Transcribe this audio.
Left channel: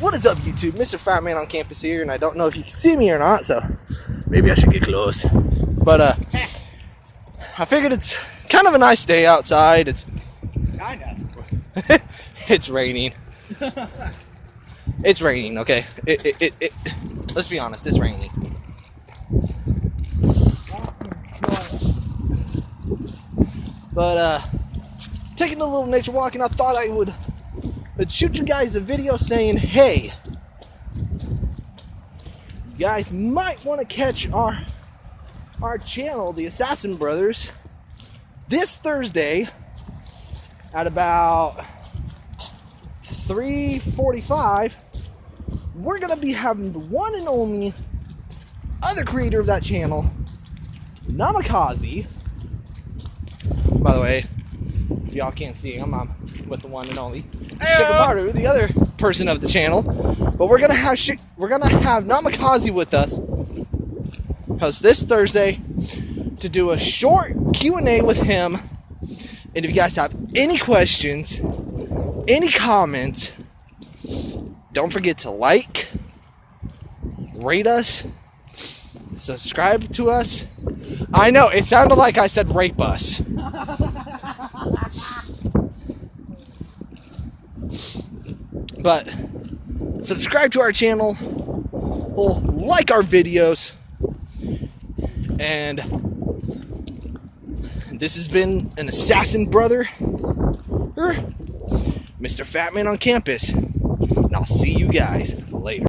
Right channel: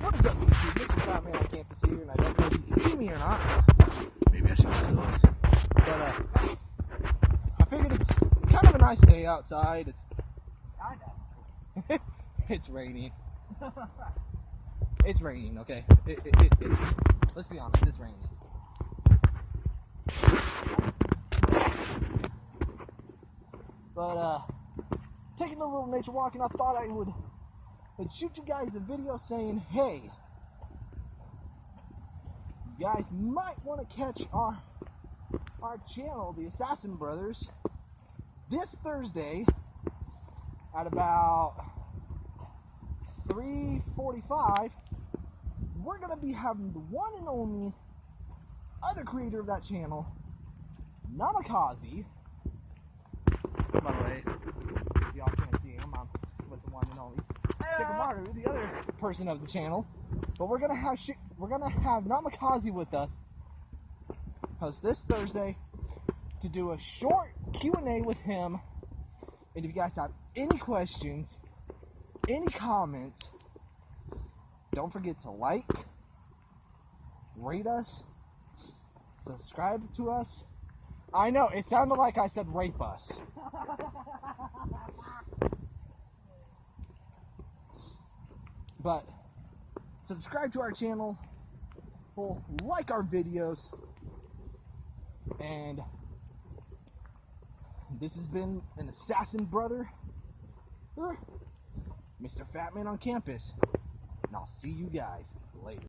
What is up, YouTube? Mr. Fat Man on campus here, and I don't know if you can see me or not, so maybe I should get close. But I figured it's kind of a nice day outside. It's kind of. it's raining. It's raining. Okay. Let's be honest. It's raining. But taking a little nature walk, and I thought I would shoot you guys a video saying, hey, you guys might want to catch our channel, the Assassin Brothers, this Thursday at about 3:45. We're gonna be having the one and only other creator of that channel, Namikaze. By the way, if y'all can't see him, I'm with the one and only Shika, the other person of the channel. But we're gonna have Namikaze with us this Thursday to do a short Q&A with him. And if you guys have any questions, any comments, don't forget to like, rate us, subscribe to us. I know, it sounded like I said rape us. But subscribe to our channel, like our videos, and this has been an Assassin Brother, Mr. Fat Man on campus, and I'll see you guys later.